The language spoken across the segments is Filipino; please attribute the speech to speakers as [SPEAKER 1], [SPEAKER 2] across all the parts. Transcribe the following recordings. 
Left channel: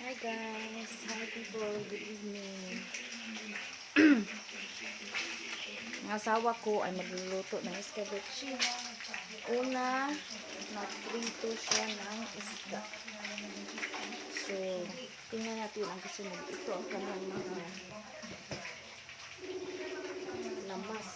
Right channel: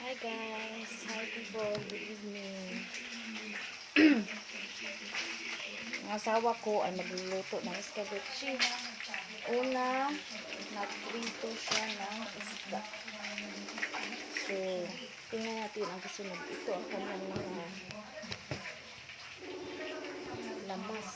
[SPEAKER 1] Hi guys, hi people, good evening. Ang asawa ko ay magluluto ng escabeche. Una, nagprito siya ng isda. So, tingnan natin ang kasunod. Ito ang kanyang mga lamas.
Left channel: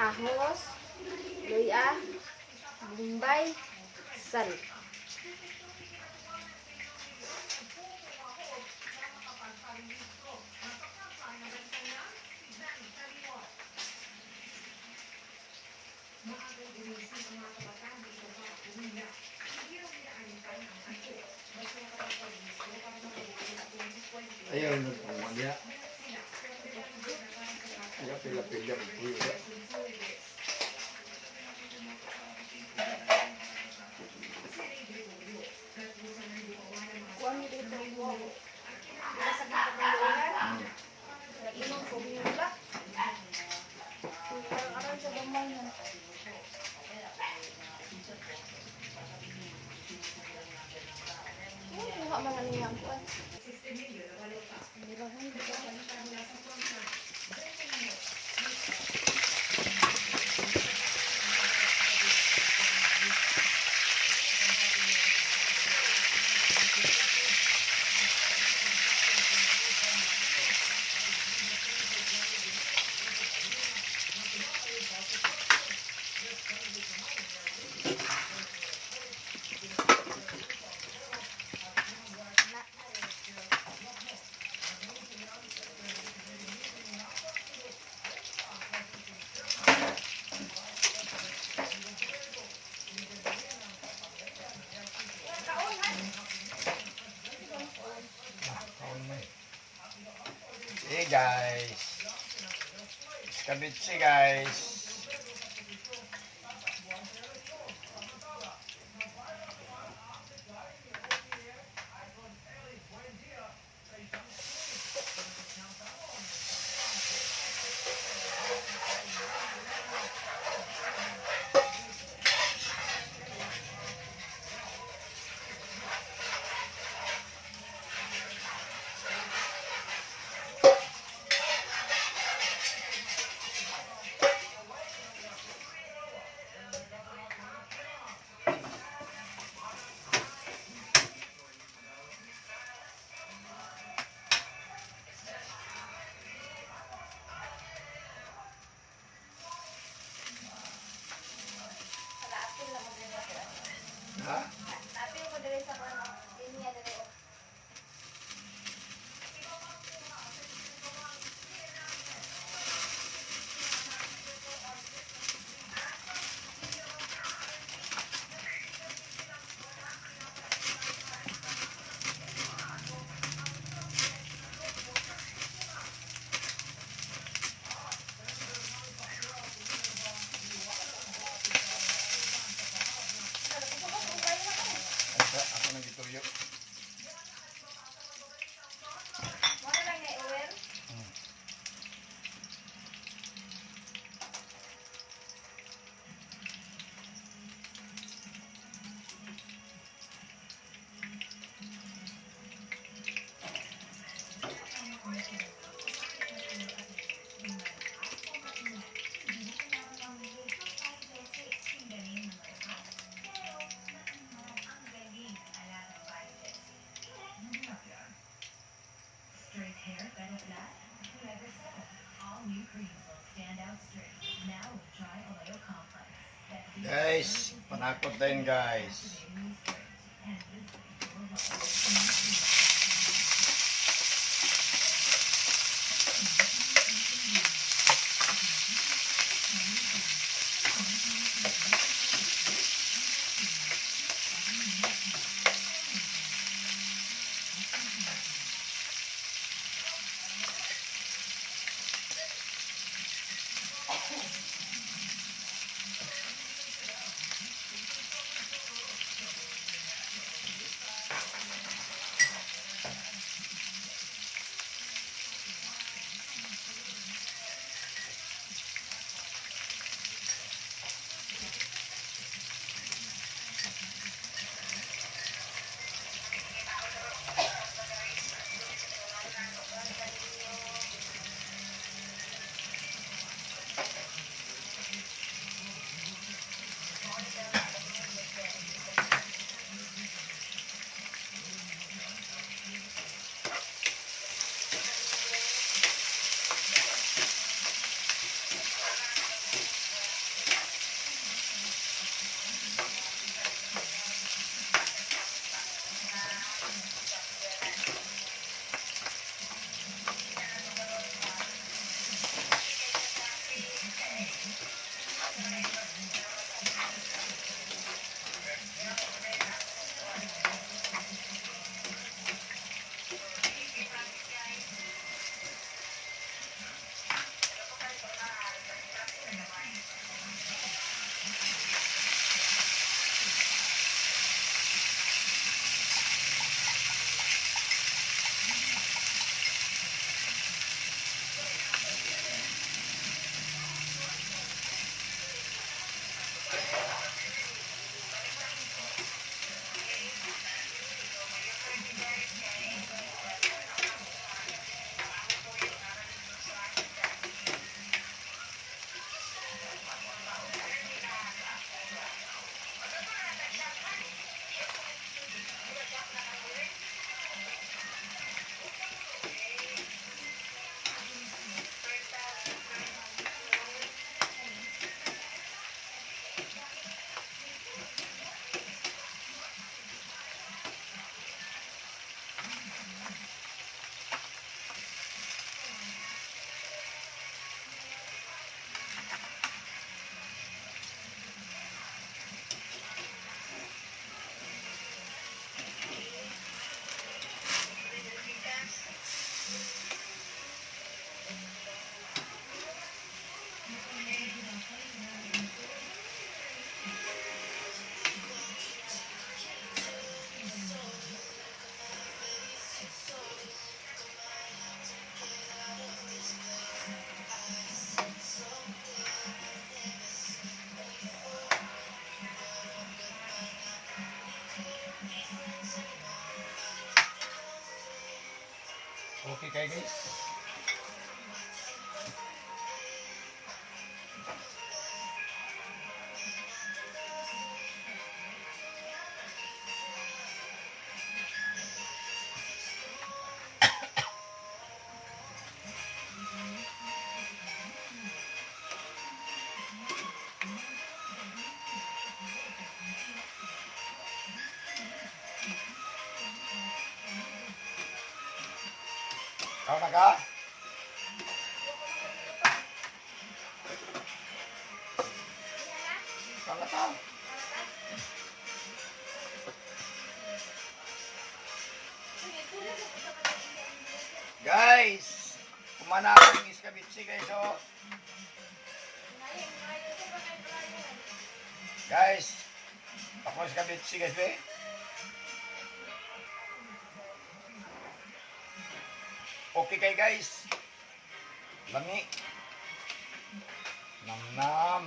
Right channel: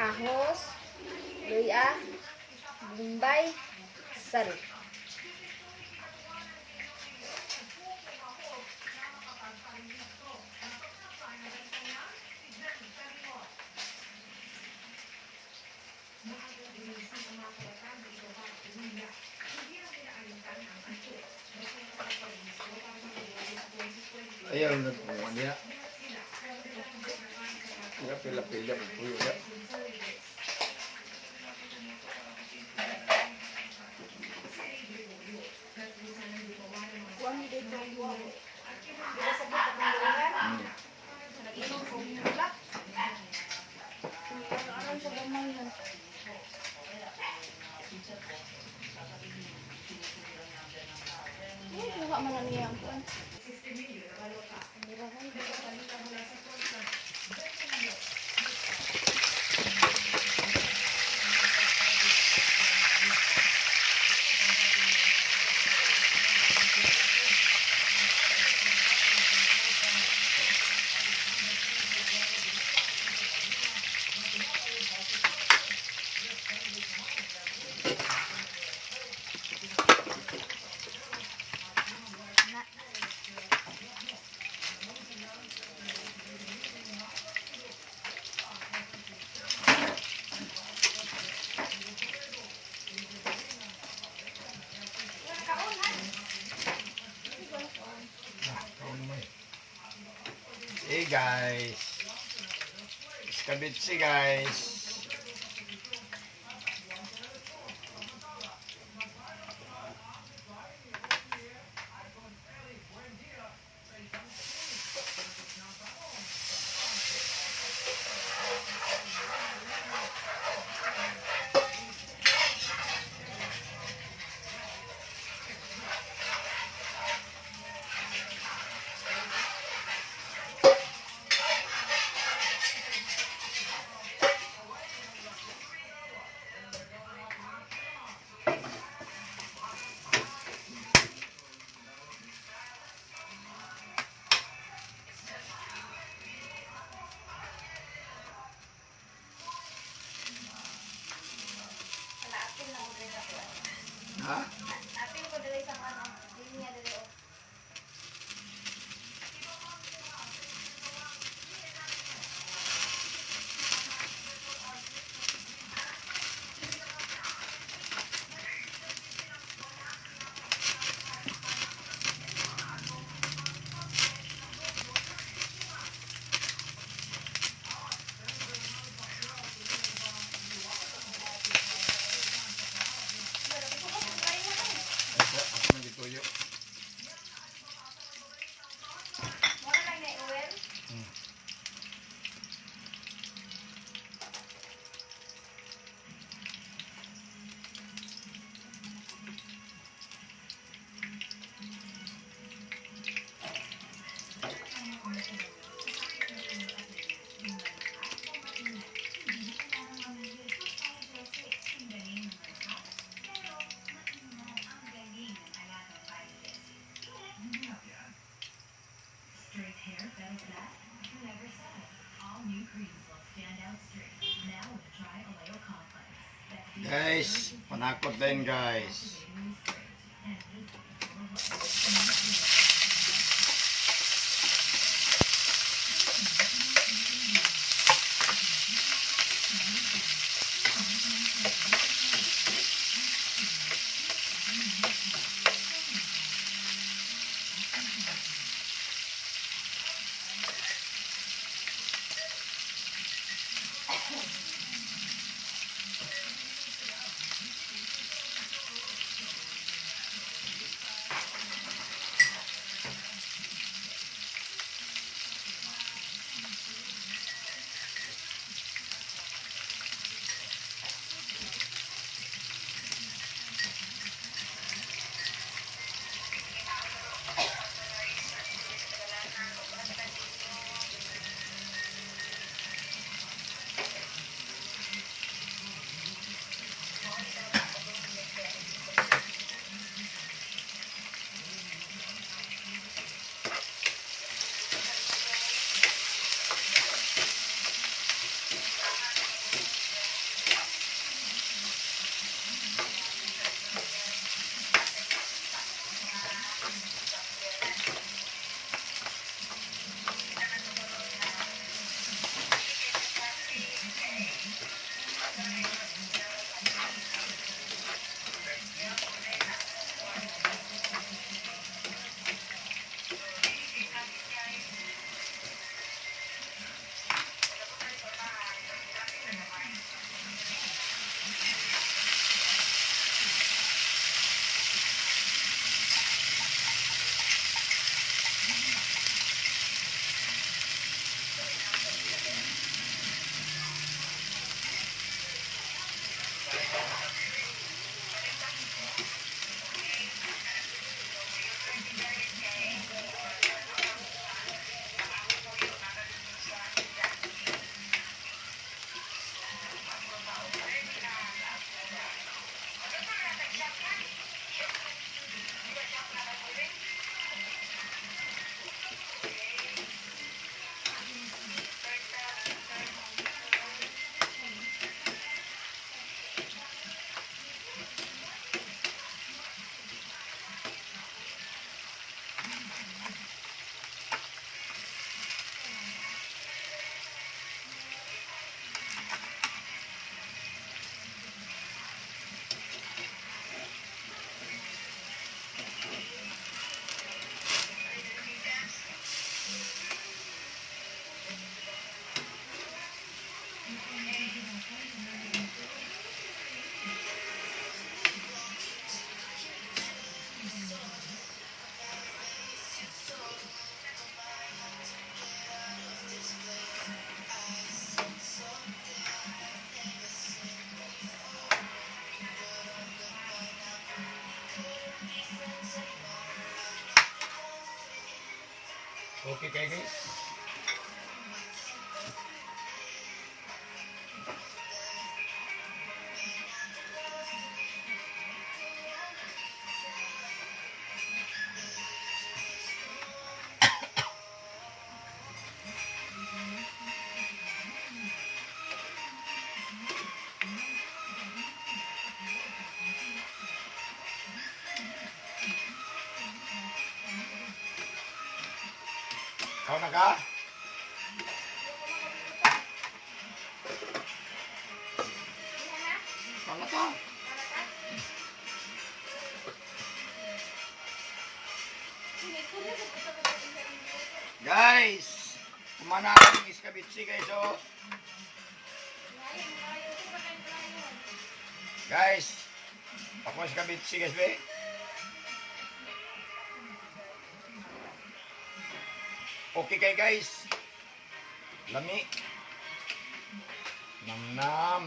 [SPEAKER 1] Ahos, luya, bumbay, sal.
[SPEAKER 2] Ayaw na po niya. Kaya pila-pila po po yun. Hmm.
[SPEAKER 1] Kuha man na niya ang kuwan. Thank
[SPEAKER 2] you. Guys. Skabitsi guys. Guys, panakot din guys. Mm-hmm. Kau na ka? Kau na ka? Guys, kumana ang iskabitsi guys oh. Guys, ako iskabitsi guys be. Okay kay guys. Lami. Nam nam.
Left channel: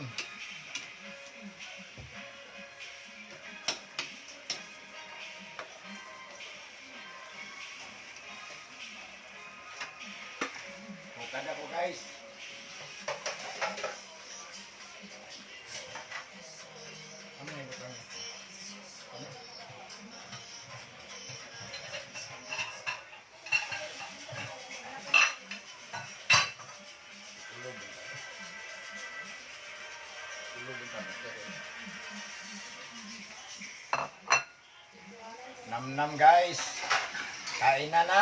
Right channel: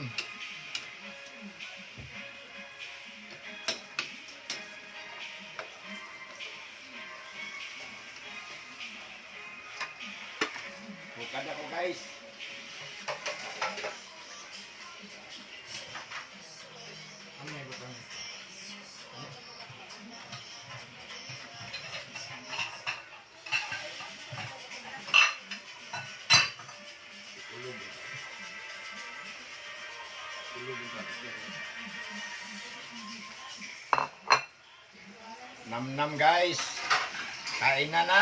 [SPEAKER 2] Bukad ako guys. Nam guys. Kain na na.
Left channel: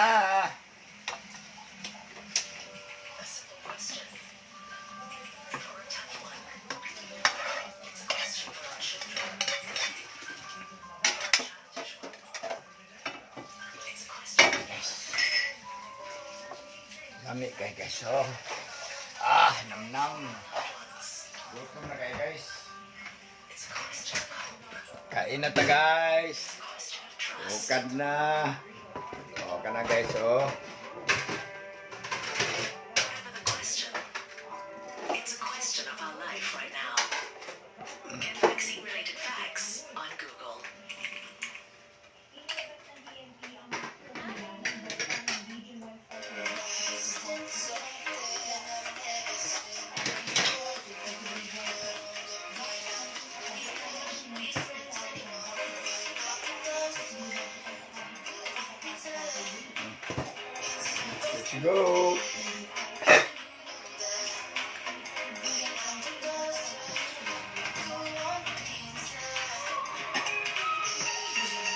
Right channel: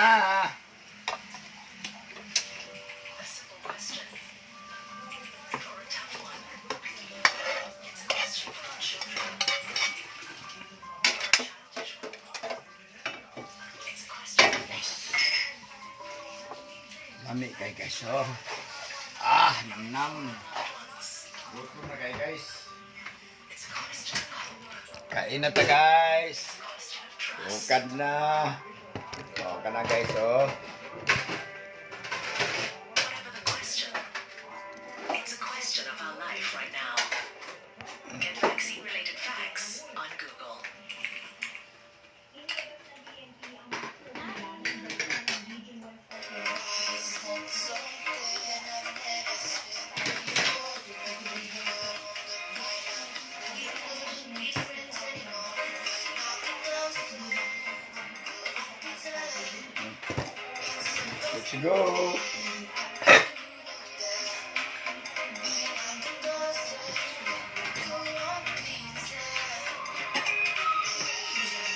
[SPEAKER 2] Lami kay guys. Oh. Ah, nam nam. Gutom na kay guys. Kain na ta guys. Bukad na. Oh, kana guys oh.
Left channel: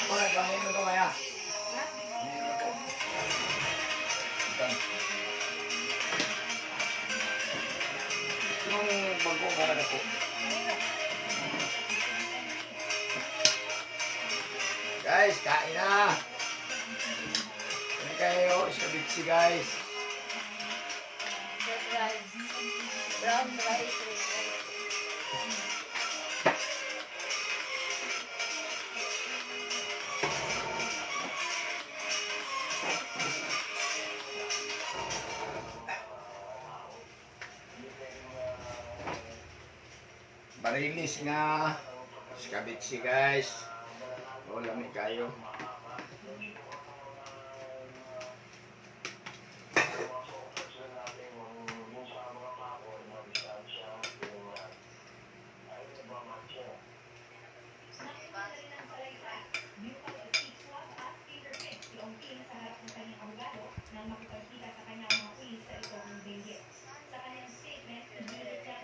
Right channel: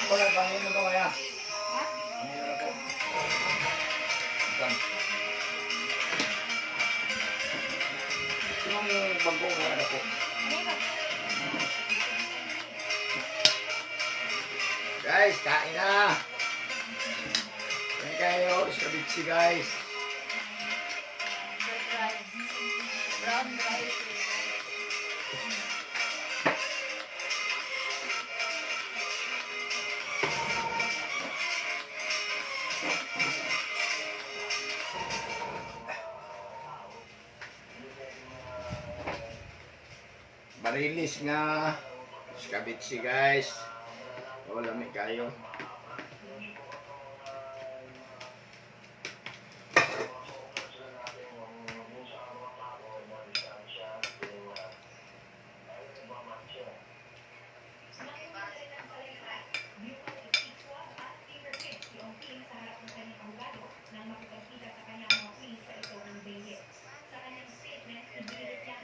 [SPEAKER 2] Wala kanin mo maya. Yung bago mo na ko. Guys, kain na. Kain kayo, sabitsi guys. Barilis nga. Skabitsi guys. O, lami kayo.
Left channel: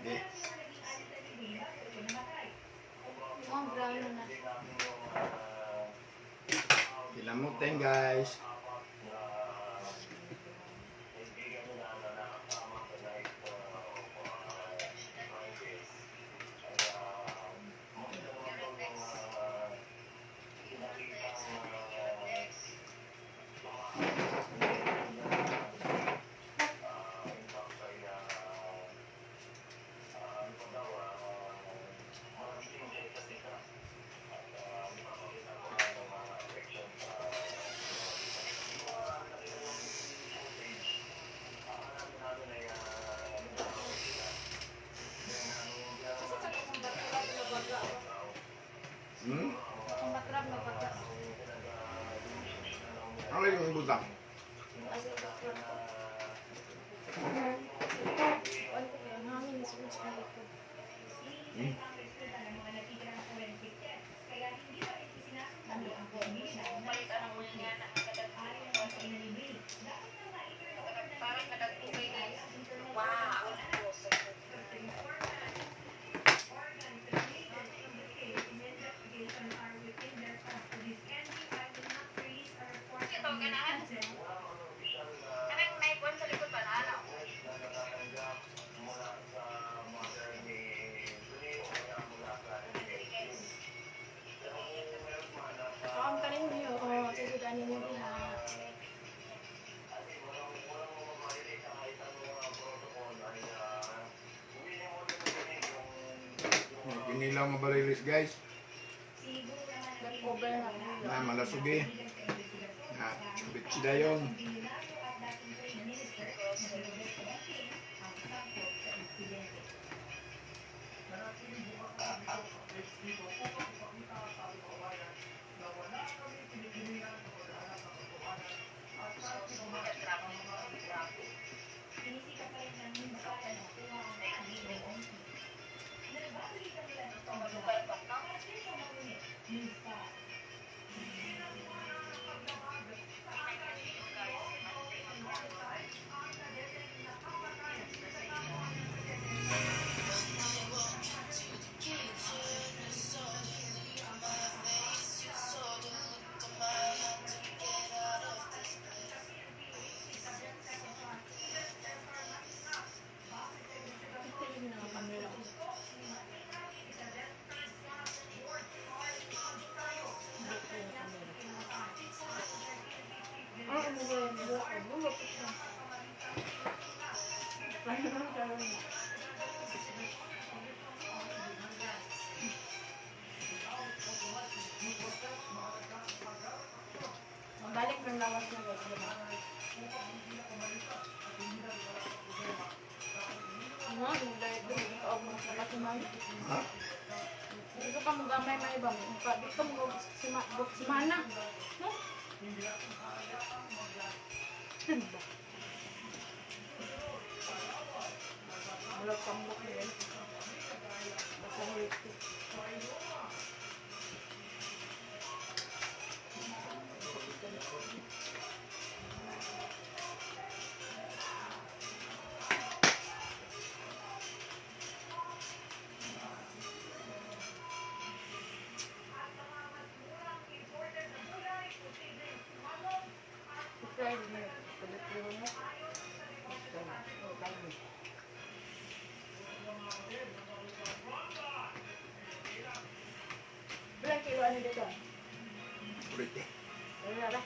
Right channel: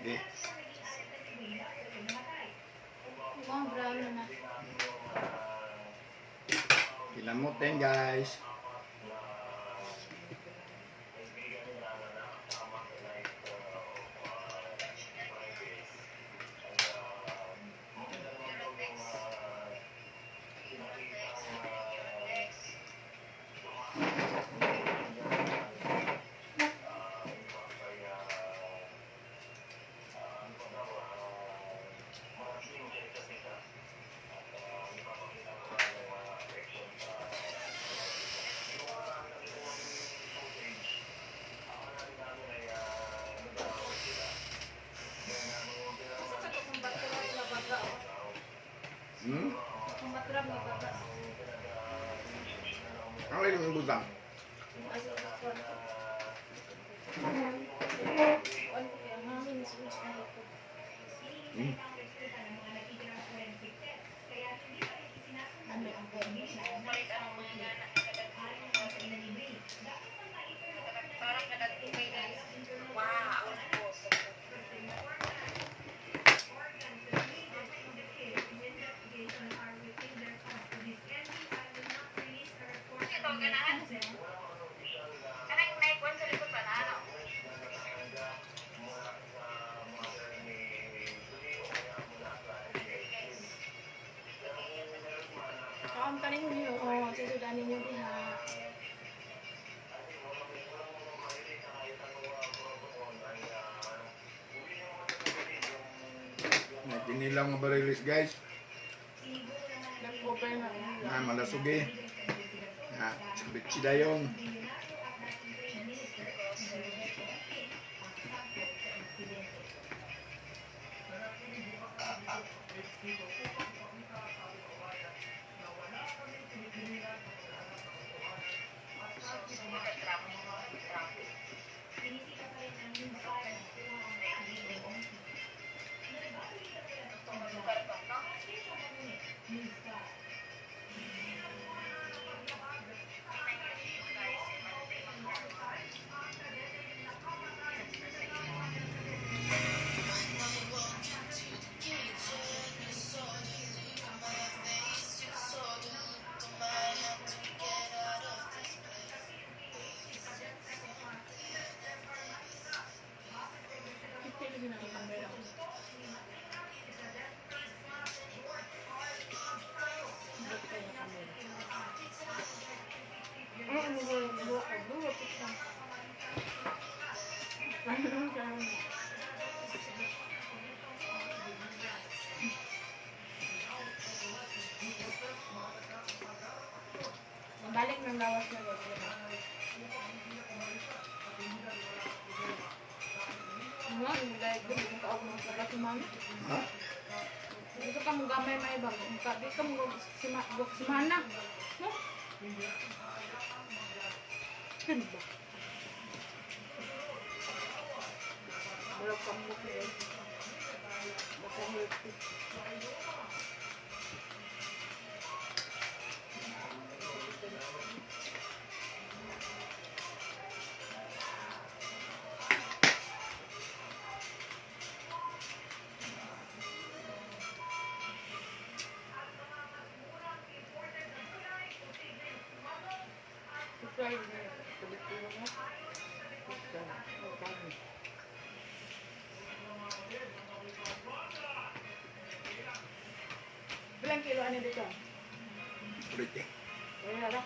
[SPEAKER 2] Di.
[SPEAKER 1] Oh, brown na.
[SPEAKER 2] Kinamutin guys.
[SPEAKER 3] Kinilaw nga barilis guys.
[SPEAKER 1] Na.
[SPEAKER 3] Na malasugi. Na sabit si Dayong.
[SPEAKER 1] Kaog mo sa batimang.
[SPEAKER 3] Ha?
[SPEAKER 1] Dito ka mo gamay may ibang. Pa, di ka mo sima, simana. No? Ano ba? Wala ka mo kilo ano dito?
[SPEAKER 3] Ulit eh.
[SPEAKER 1] Wala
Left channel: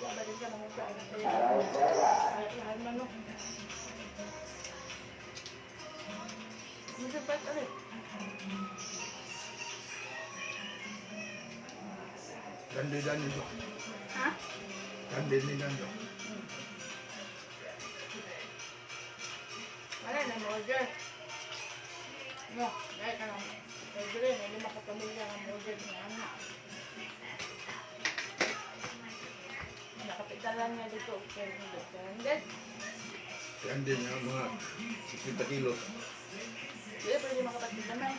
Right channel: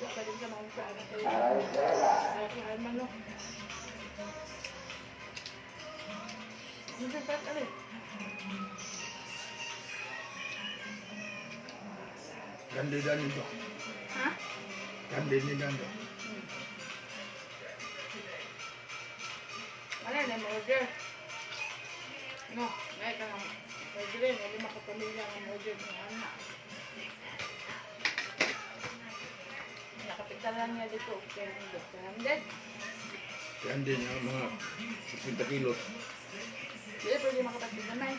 [SPEAKER 1] talagang gusto ba din sa mga pera? 300.
[SPEAKER 3] 300 yung mga 50 kilos.
[SPEAKER 1] Hindi, pwede makapagpigyan na eh.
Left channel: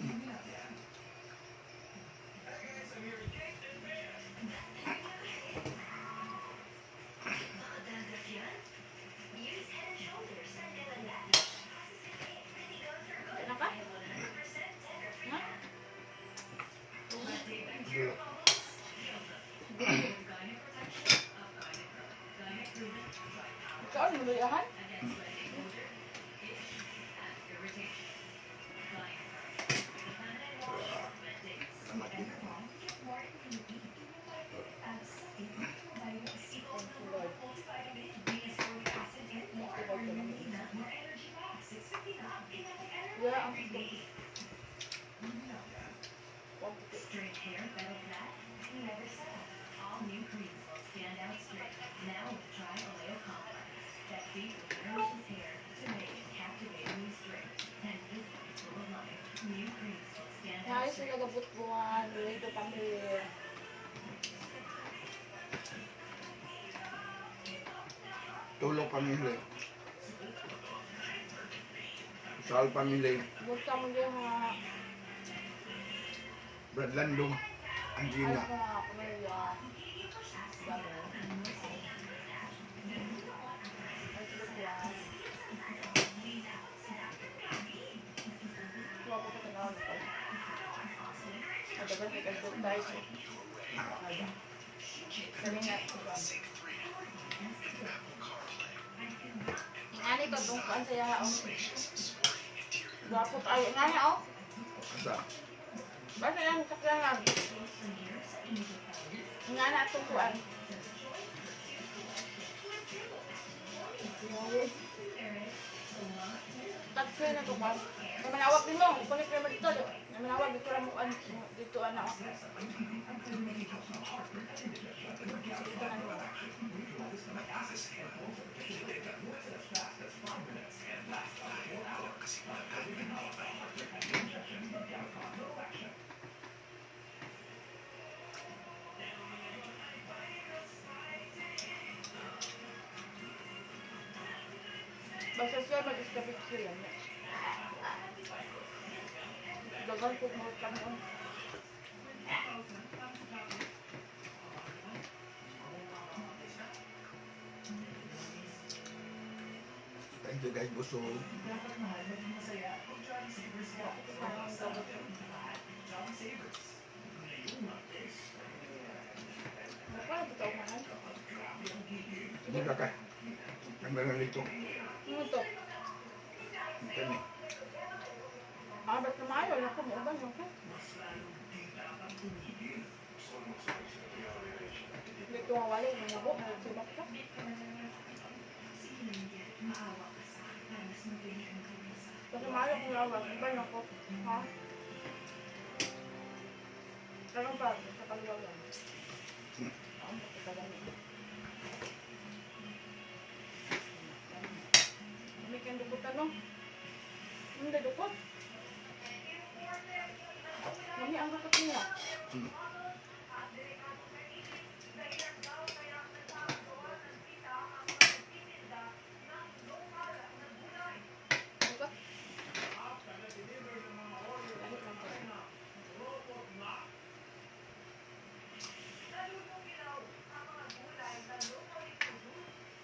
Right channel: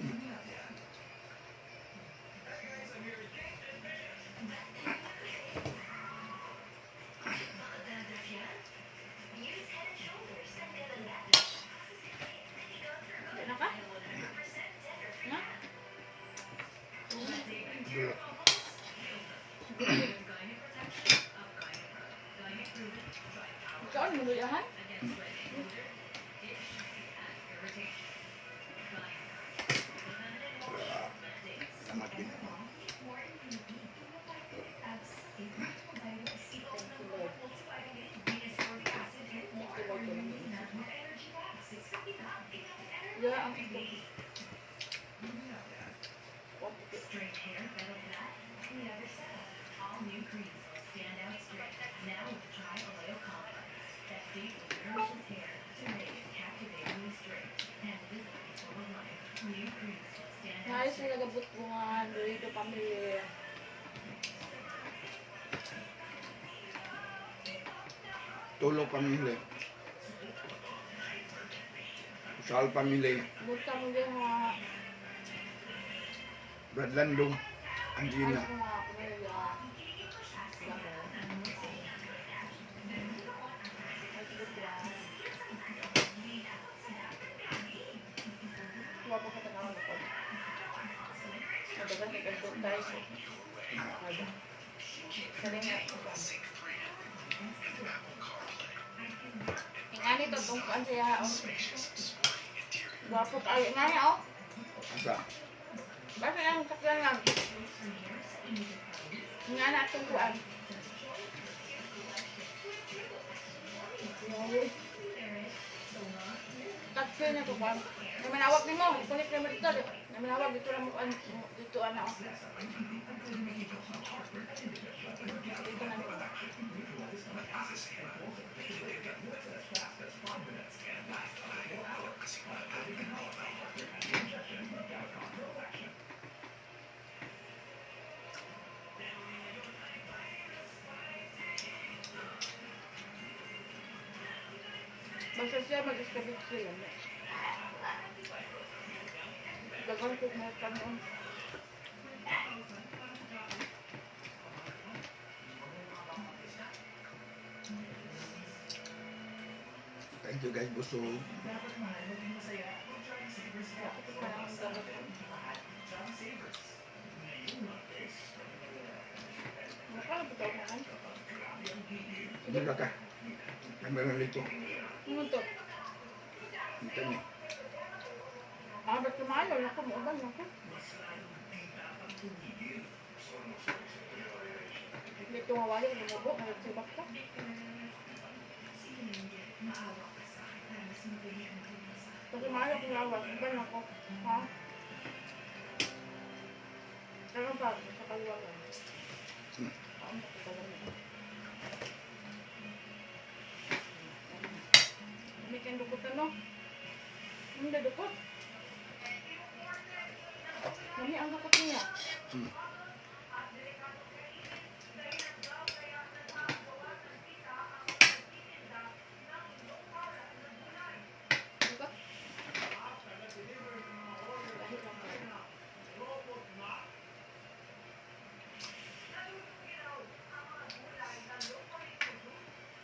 [SPEAKER 1] yan. Kailan ka? Ha?
[SPEAKER 2] Dulot.
[SPEAKER 1] Yeah, ang
[SPEAKER 4] Straight hair, said? All new creams stand out straight. Now with Oleo Complex. That hair straight. New creams stand out straight.
[SPEAKER 1] pamilya.
[SPEAKER 2] Tulog pamilya. Sal pamilya.
[SPEAKER 1] Basta mo din nga
[SPEAKER 2] Bradlandong.
[SPEAKER 1] ayos
[SPEAKER 2] Angina.
[SPEAKER 1] mo nga pamilya. Wala pa sa na. Nada. Kali nga. Siya oh. Gwapo.
[SPEAKER 2] Asa?
[SPEAKER 1] Basta yan kaklangan. Ingani atong kuan. Taksi na to ba? May manawag din mo. Ipunit mo dito. May manawag dito lang mo kuan dito ano. Dito na mo. Basta siya mag-establish sila. Dagan ko mo tanong.
[SPEAKER 2] Thank you guys, busog. Hindi ba ka? Kamera rito.
[SPEAKER 1] Ano to?
[SPEAKER 2] Ito ni.
[SPEAKER 1] Ah, ba't tumayo? Naku, mauban, naku. Hindi ko mawali, lumubo, nagsibat ka. Pag tumayo, kung lawak, iba naku. Ha? Ano ba? Sa kaliwa lang. Dukot. Nami ang Dukot. Dahil lang po.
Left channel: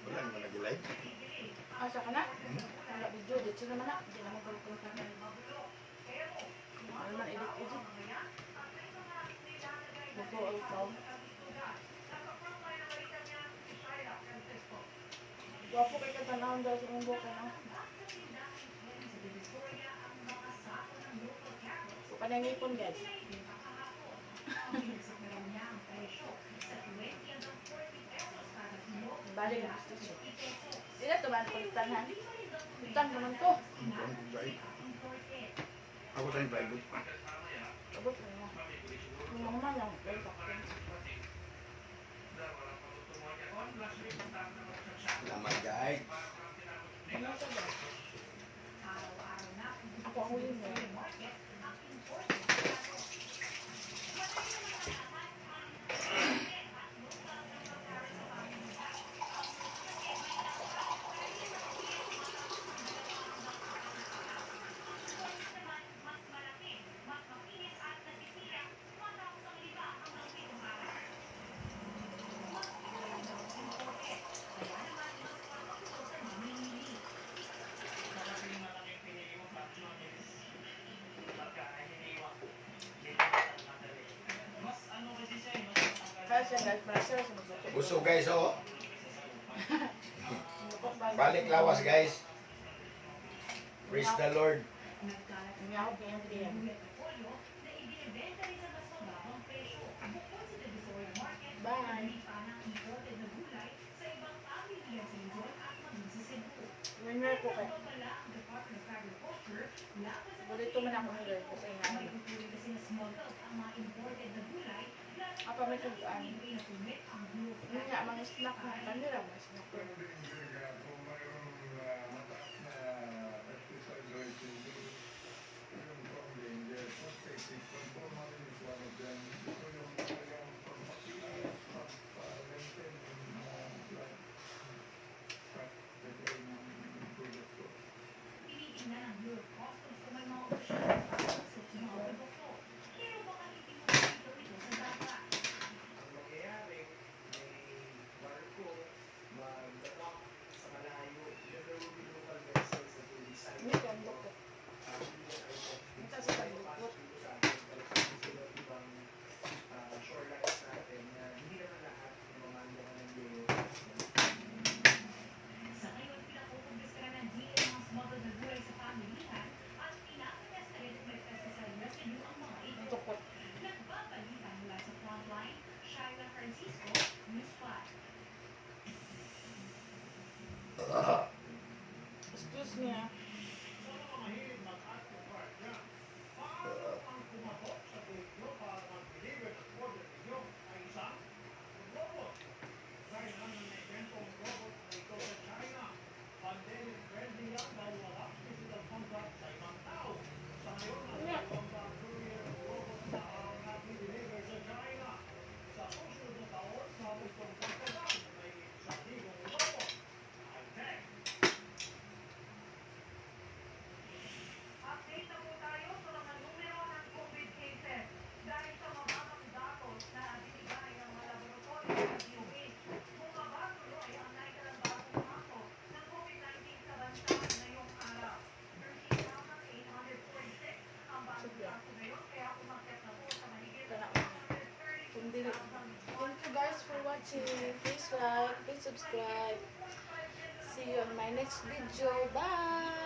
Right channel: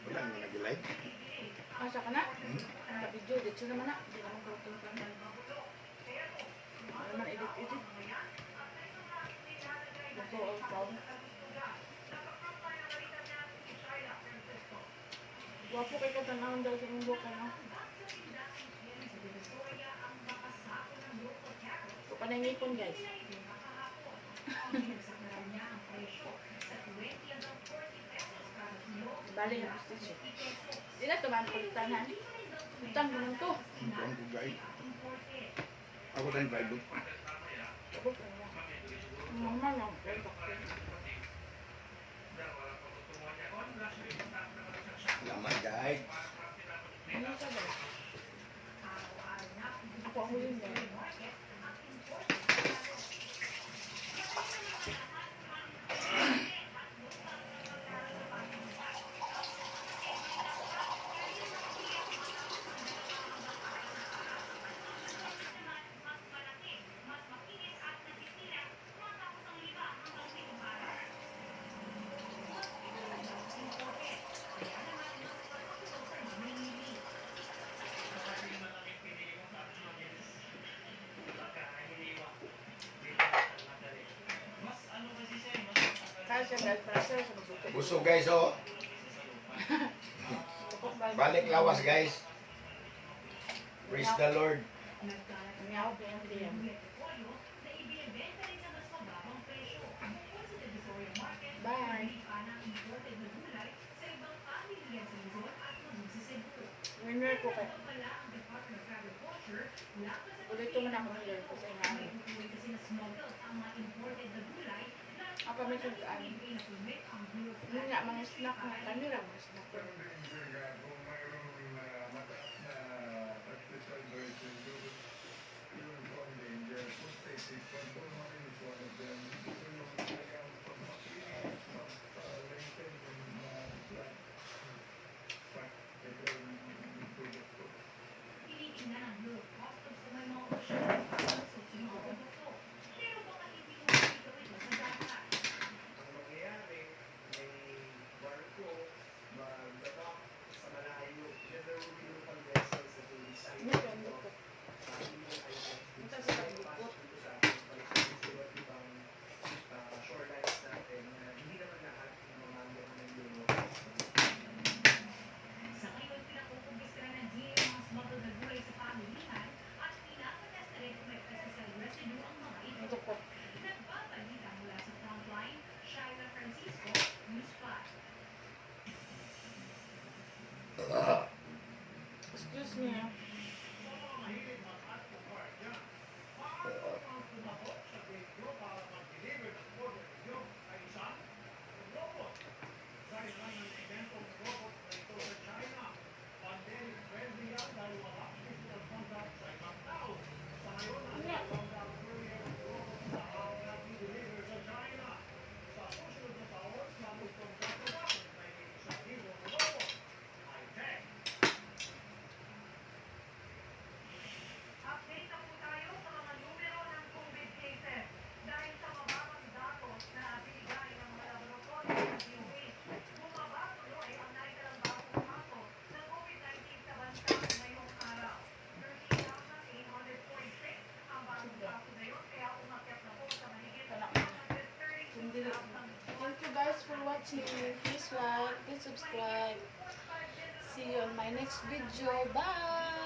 [SPEAKER 2] Wala naman nag-live.
[SPEAKER 1] Asa ka na? Ang video, dito naman na. Hindi naman kalkul ka na. Ano naman, edit-edit. Bato ang tao. Wapo kay katanawin daw sa kong buka, no? So, panangipon, guys. Bali na, gusto Di na tuman pagtanhan. Utang naman ko.
[SPEAKER 2] Ang buwan ko guys. Ako tayong Bible.
[SPEAKER 1] Abot na yan. Ano naman ang
[SPEAKER 2] Salamat guys.
[SPEAKER 1] Ano ka ba? Ako ang huli mo.
[SPEAKER 2] Busog guys, oh. Balik lawas guys. Praise the Lord.
[SPEAKER 1] Bye. Ngayon ko kayo. Ulit mo na ako ng Lord ko sa inyo. apa macam tugaan hindi nga mga snack na kanila mga snack Thank you. watching. Please like, please subscribe. See you on my next video. Bye!